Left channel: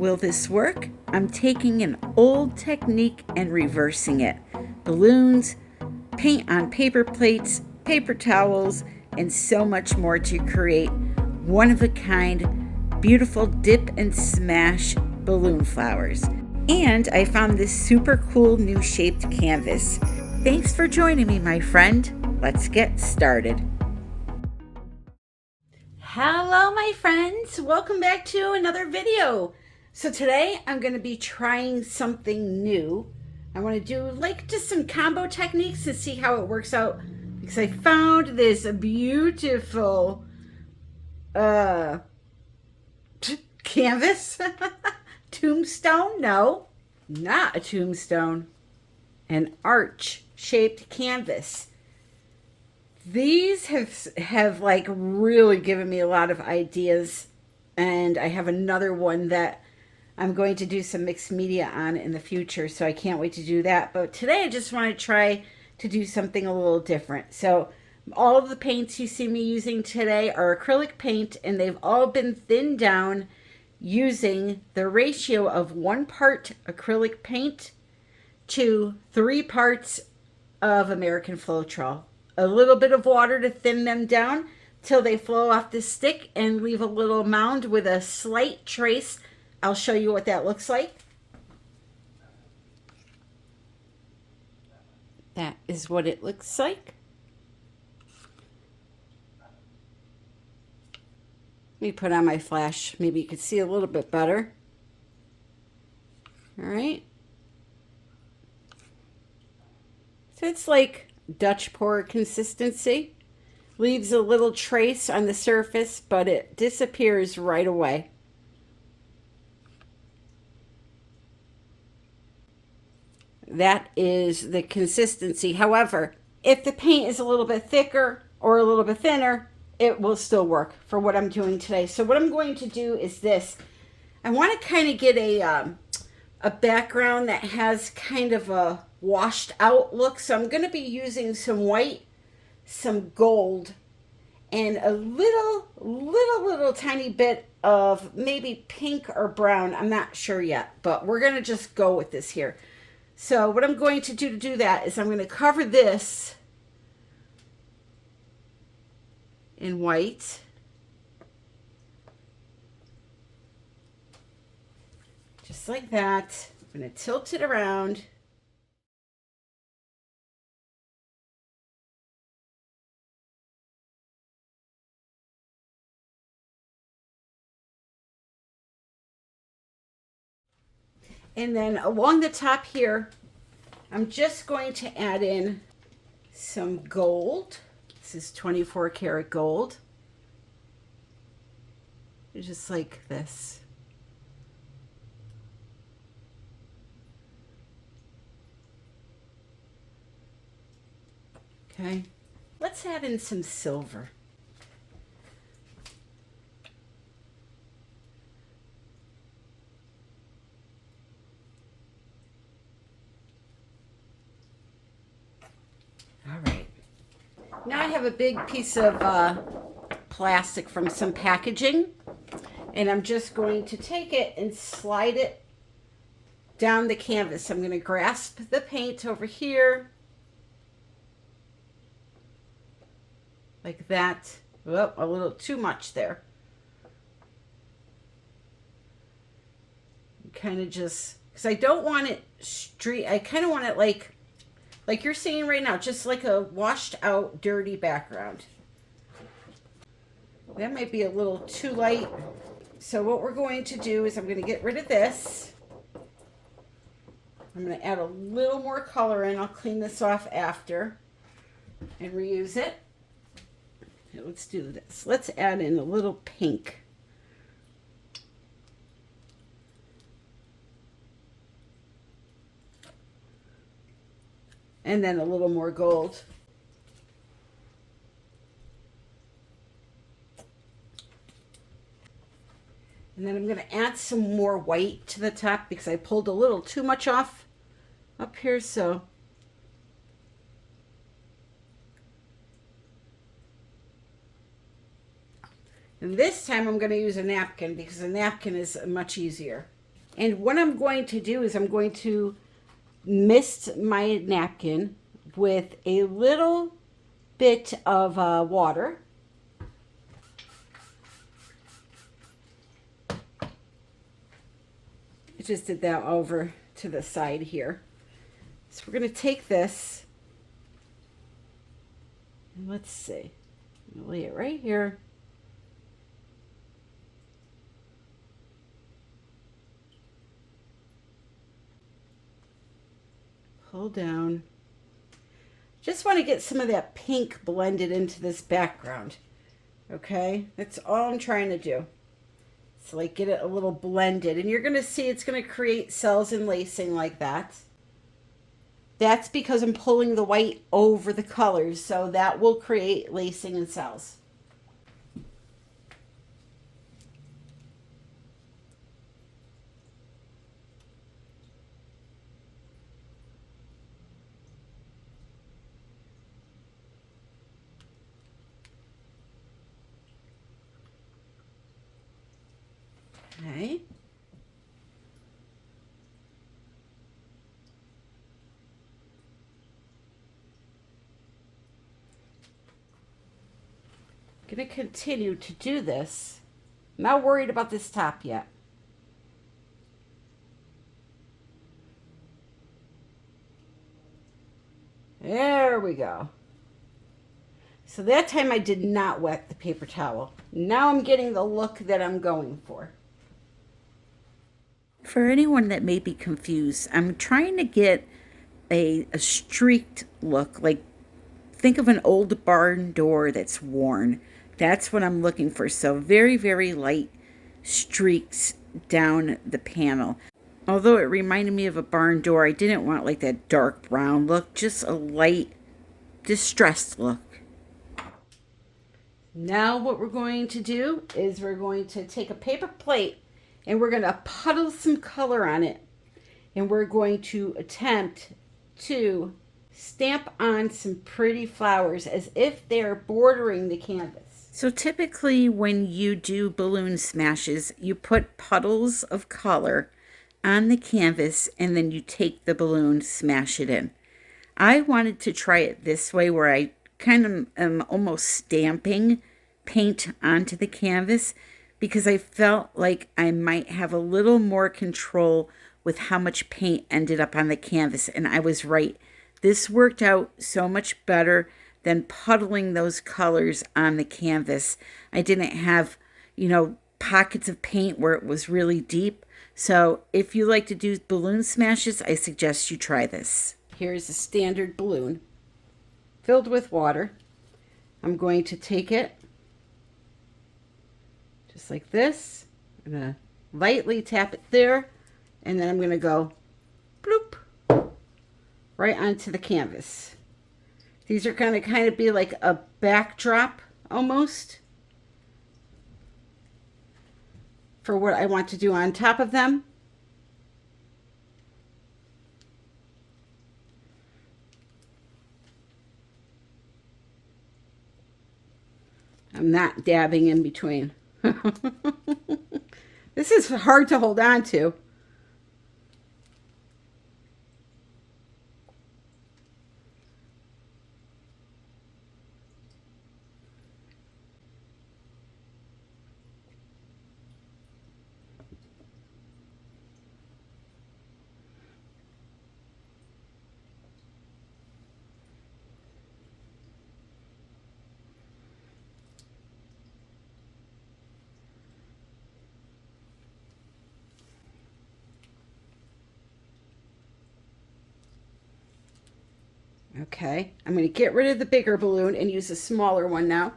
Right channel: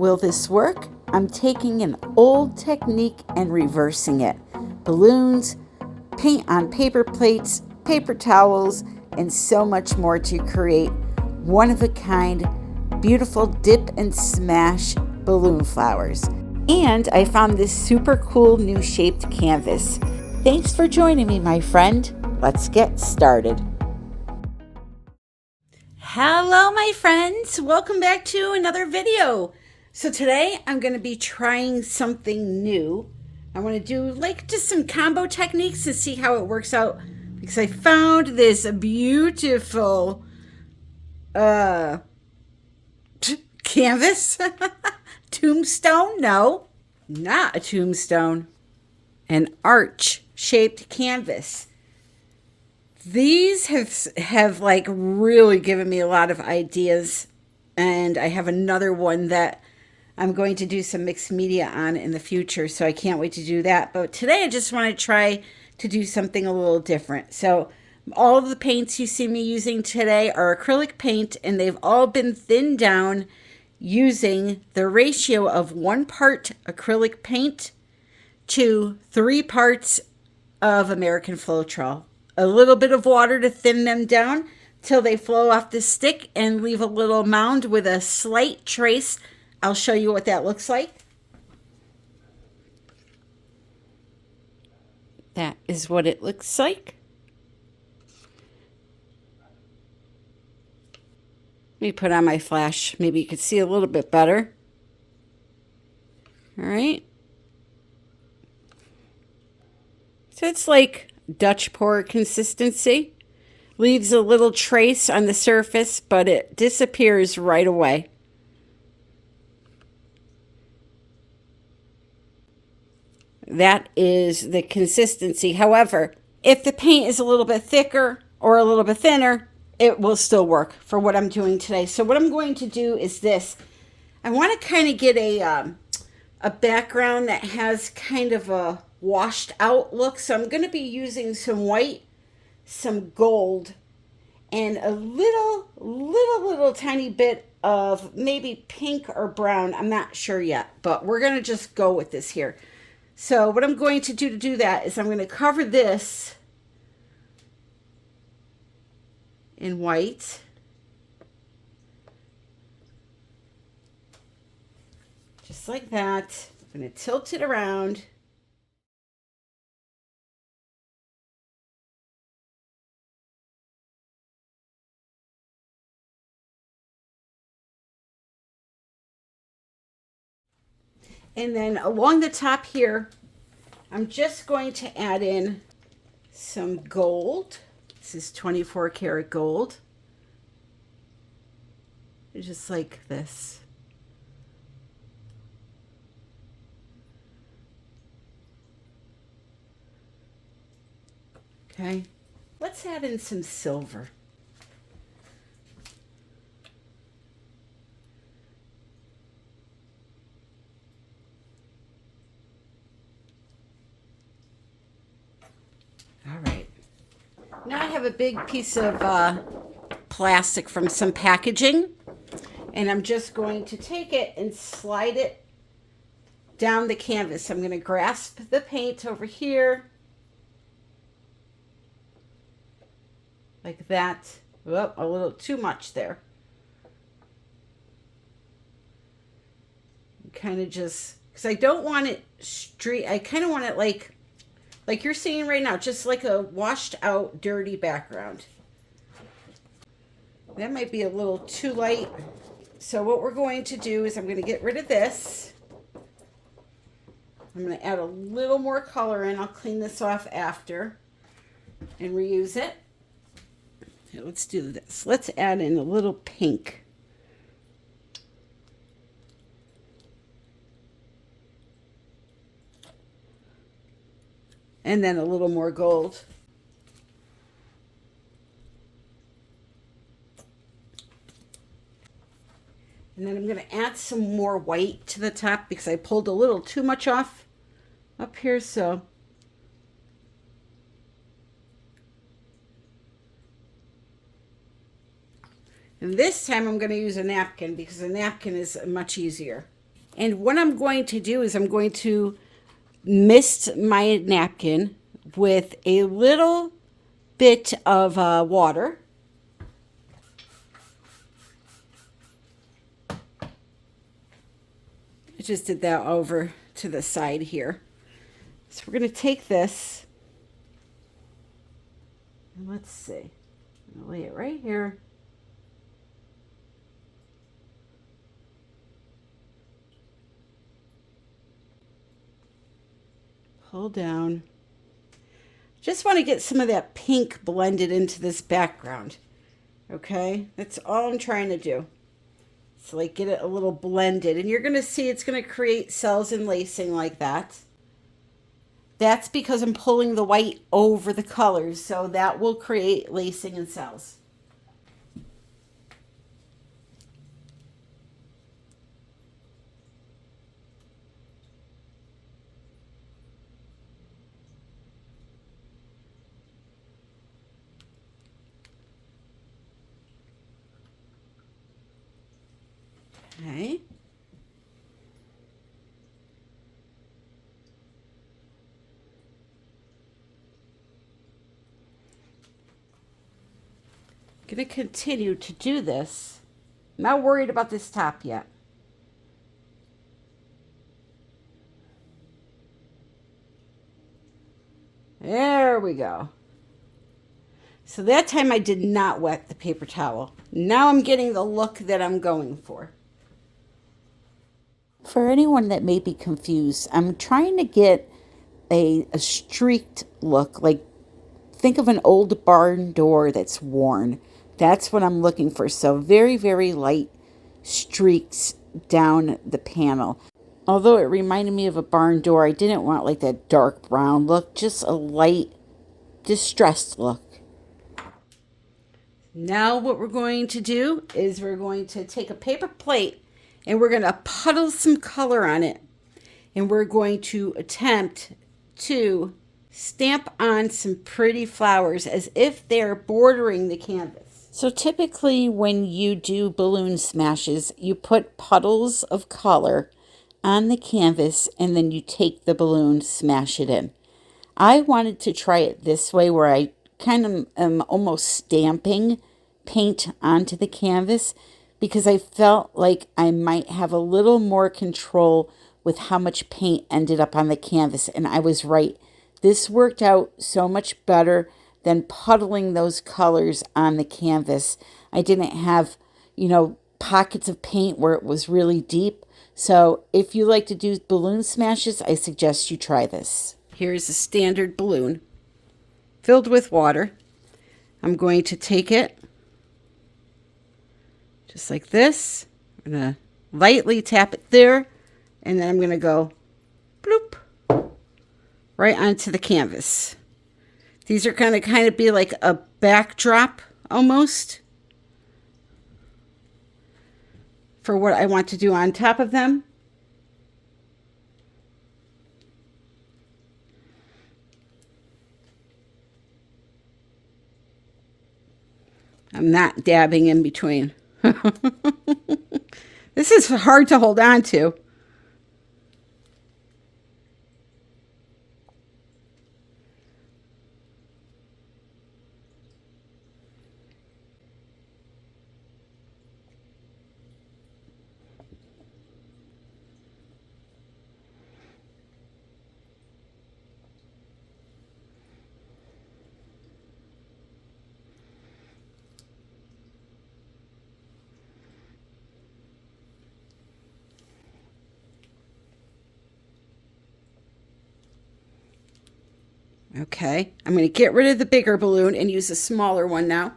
Will this work? I'm taking an old technique and reversing it. Balloons, paint on paper plates, paper towels, and so much more to create one-of-a-kind, beautiful dip and smash balloon flowers. And I found this super cool new shaped canvas. Thanks for joining me, my friend. Let's get started. Hello, my friends. Welcome back to another video. So today I'm going to be trying something new. I want to do just some combo techniques to see how it works out, because I found this beautiful canvas. Tombstone? No, not a tombstone. An arch shaped canvas. These have really given me a lot of ideas, and I have another one that I'm going to do some mixed media on in the future, so I can't wait to do that. But today I just want to try to do something a little different. So all of the paints you see me using today are acrylic paint, and they've all been thinned down using the ratio of 1 part acrylic paint to 3 parts of American Floetrol. A little bit of water to thin them down till they flow off the stick and leave a little mound with a slight trace. I'll show you what that looks like. That is what it looks like. Let me put on my flash. Maybe you could see a little bit better. All right. So it's like Dutch pour consistency. Leaves a little trace on the surface, but it disappears right away. That is the consistency. However, if the paint is a little bit thicker or a little bit thinner, it will still work for what I'm doing today. So what I'm going to do is this. I want to kind of get a background that has kind of a washed out look. So I'm going to be using some white, some gold, and a little tiny bit of maybe pink or brown. I'm not sure yet, but we're going to just go with this here. So what I'm going to do that is I'm going to cover this in white. Just like that. I'm going to tilt it around. And then along the top here, I'm just going to add in some gold. This is 24 karat gold. Just like this. Okay, let's add in some silver. All right. Now I have a big piece of plastic from some packaging, and I'm just going to take it and slide it down the canvas. I'm going to grasp the paint over here like that. Oh, a little too much there. Kind of just, because I don't want it straight. I kind of want it like you're seeing right now, just like a washed out dirty background. That might be a little too light. So what we're going to do is I'm going to get rid of this. I'm going to add a little more color in. I'll clean this off after and reuse it. Okay, let's do this. Let's add in a little pink. And then a little more gold. And then I'm going to add some more white to the top because I pulled a little too much off up here. So and this time I'm going to use a napkin because a napkin is much easier. And what I'm going to do is I'm going to mist my napkin with a little bit of water. I just did that over to the side here. So we're going to take this, and let's see. I'm going to lay it right here. Pull down. Just want to get some of that pink blended into this background. Okay, that's all I'm trying to do. So like get it a little blended, and you're going to see it's going to create cells and lacing like that. That's because I'm pulling the white over the colors, so that will create lacing and cells. Okay. I'm going to continue to do this. I'm not worried about this top yet. There we go. So that time I did not wet the paper towel. Now I'm getting the look that I'm going for. For anyone that may be confused, I'm trying to get a streaked look. Like, think of an old barn door that's worn. That's what I'm looking for. So very, very light streaks down the panel. Although it reminded me of a barn door, I didn't want like that dark brown look, just a light distressed look. Now what we're going to do is we're going to take a paper plate and we're going to puddle some color on it. And we're going to attempt to stamp on some pretty flowers as if they're bordering the canvas. So typically when you do balloon smashes, you put puddles of color on the canvas and then you take the balloon, smash it in. I wanted to try it this way where I kind of am almost stamping paint onto the canvas because I felt like I might have a little more control with how much paint ended up on the canvas. And I was right. This worked out so much better than puddling those colors on the canvas. I didn't have, pockets of paint where it was really deep. So if you like to do balloon smashes, I suggest you try this. Here's a standard balloon filled with water. I'm going to take it just like this. I'm going to lightly tap it there, and then I'm going to go bloop right onto the canvas. These are going to kind of be like a backdrop almost for what I want to do on top of them. I'm not dabbing in between. This is hard to hold on to. Okay, I'm going to get rid of the bigger balloon and use a smaller one now.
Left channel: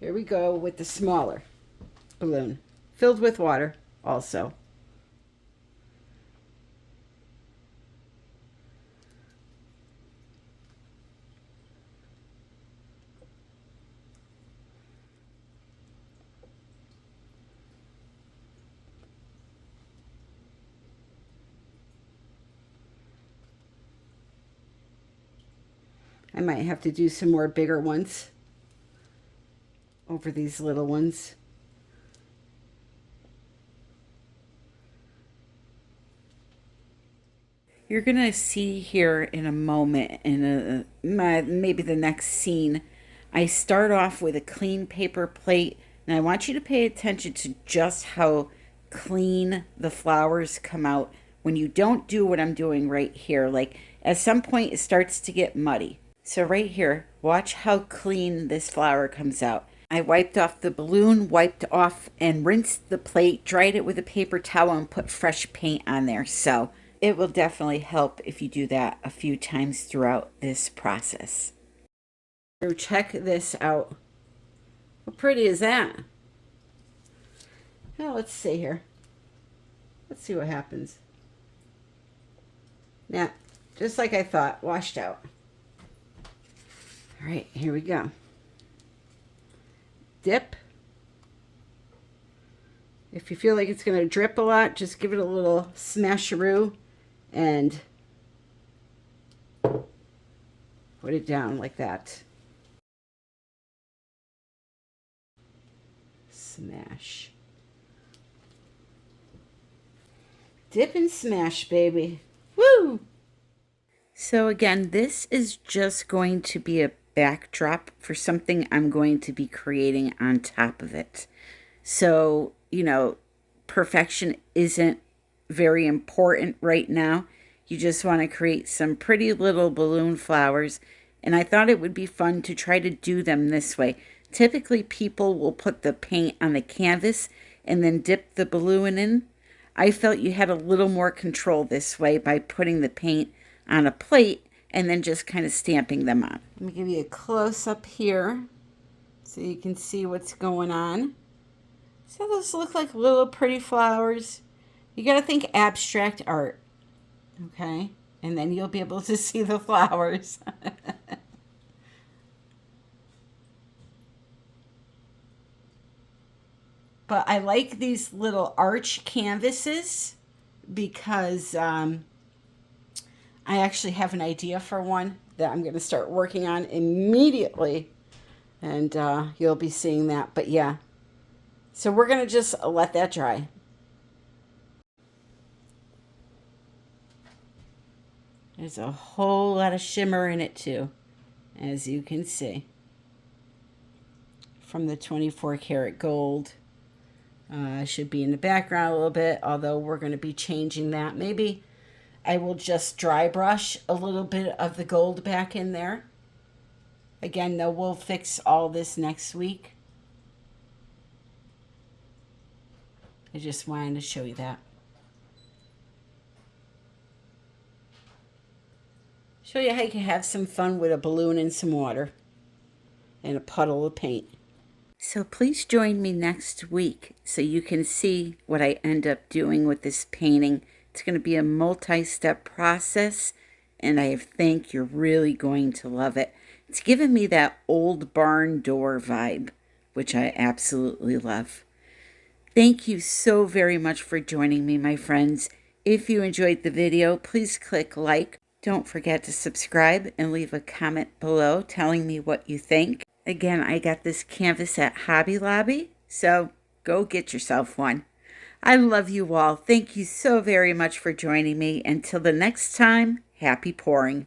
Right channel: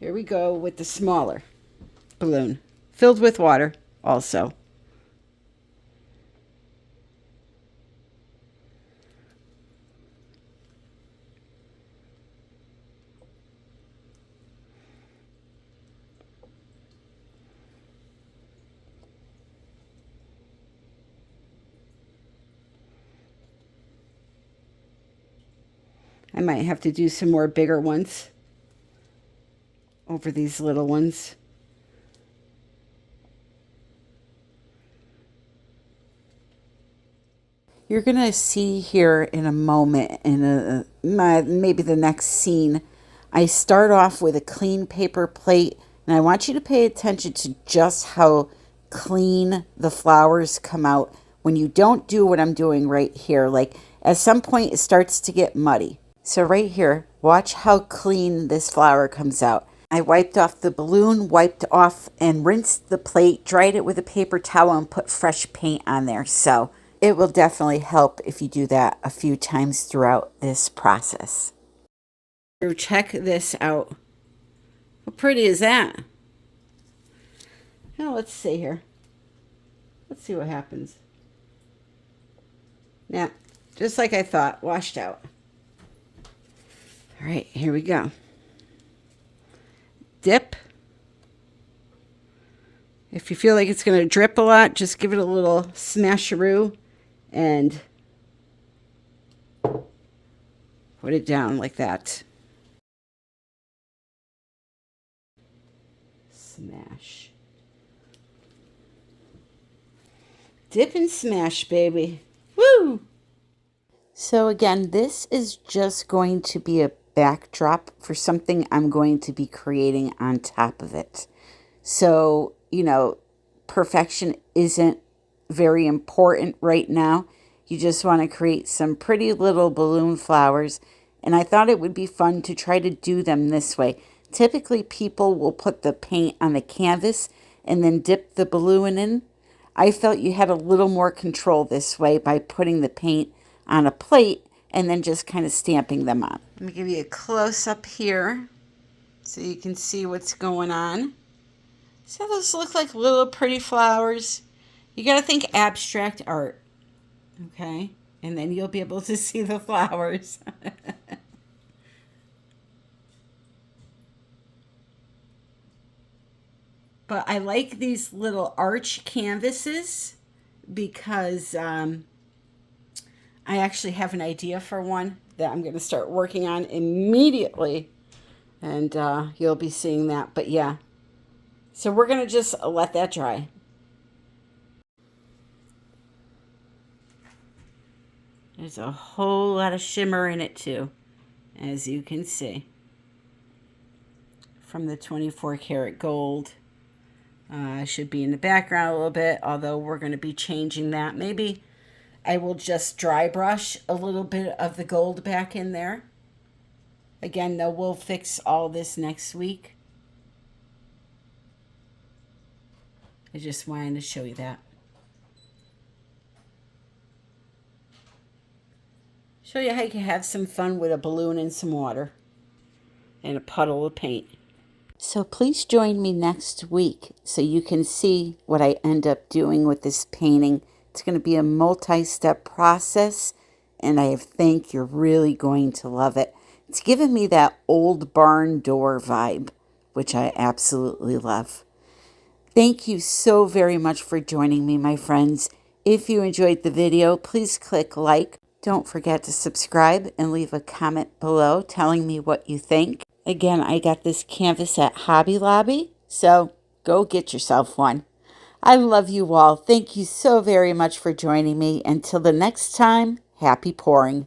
Here we go with the smaller balloon, filled with water also. I might have to do some more bigger ones over these little ones. You're going to see here in a moment, in maybe the next scene, I start off with a clean paper plate, and I want you to pay attention to just how clean the flowers come out when you don't do what I'm doing right here. Like at some point it starts to get muddy. So right here, watch how clean this flower comes out. I wiped off the balloon, wiped off and rinsed the plate, dried it with a paper towel, and put fresh paint on there. So it will definitely help if you do that a few times throughout this process. So check this out. How pretty is that? Now let's see here. Let's see what happens. Yeah, just like I thought, washed out. All right, here we go. Dip. If you feel like it's going to drip a lot, just give it a little smasheroo and put it down like that. Smash. Dip and smash, baby. Woo! So again, this is just going to be a backdrop for something I'm going to be creating on top of it. So, you know, perfection isn't very important right now. You just want to create some pretty little balloon flowers. And I thought it would be fun to try to do them this way. Typically, people will put the paint on the canvas and then dip the balloon in. I felt you had a little more control this way by putting the paint on a plate and then just kind of stamping them on. Let me give you a close-up here so you can see what's going on. So those look like little pretty flowers. You got to think abstract art, okay? And then you'll be able to see the flowers. But I like these little arch canvases because I actually have an idea for one that I'm going to start working on immediately. And you'll be seeing that. But yeah, so we're going to just let that dry. There's a whole lot of shimmer in it too, as you can see, from the 24 karat gold. Should be in the background a little bit, although we're going to be changing that. Maybe I will just dry brush a little bit of the gold back in there. Again, though, we'll fix all this next week. I just wanted to show you that. Show you how you can have some fun with a balloon and some water and a puddle of paint. So please join me next week so you can see what I end up doing with this painting. It's going to be a multi-step process, and I think you're really going to love it. It's given me that old barn door vibe, which I absolutely love. Thank you so very much for joining me, my friends. If you enjoyed the video, please click like. Don't forget to subscribe and leave a comment below telling me what you think. Again, I got this canvas at Hobby Lobby, so go get yourself one. I love you all. Thank you so very much for joining me. Until the next time, happy pouring.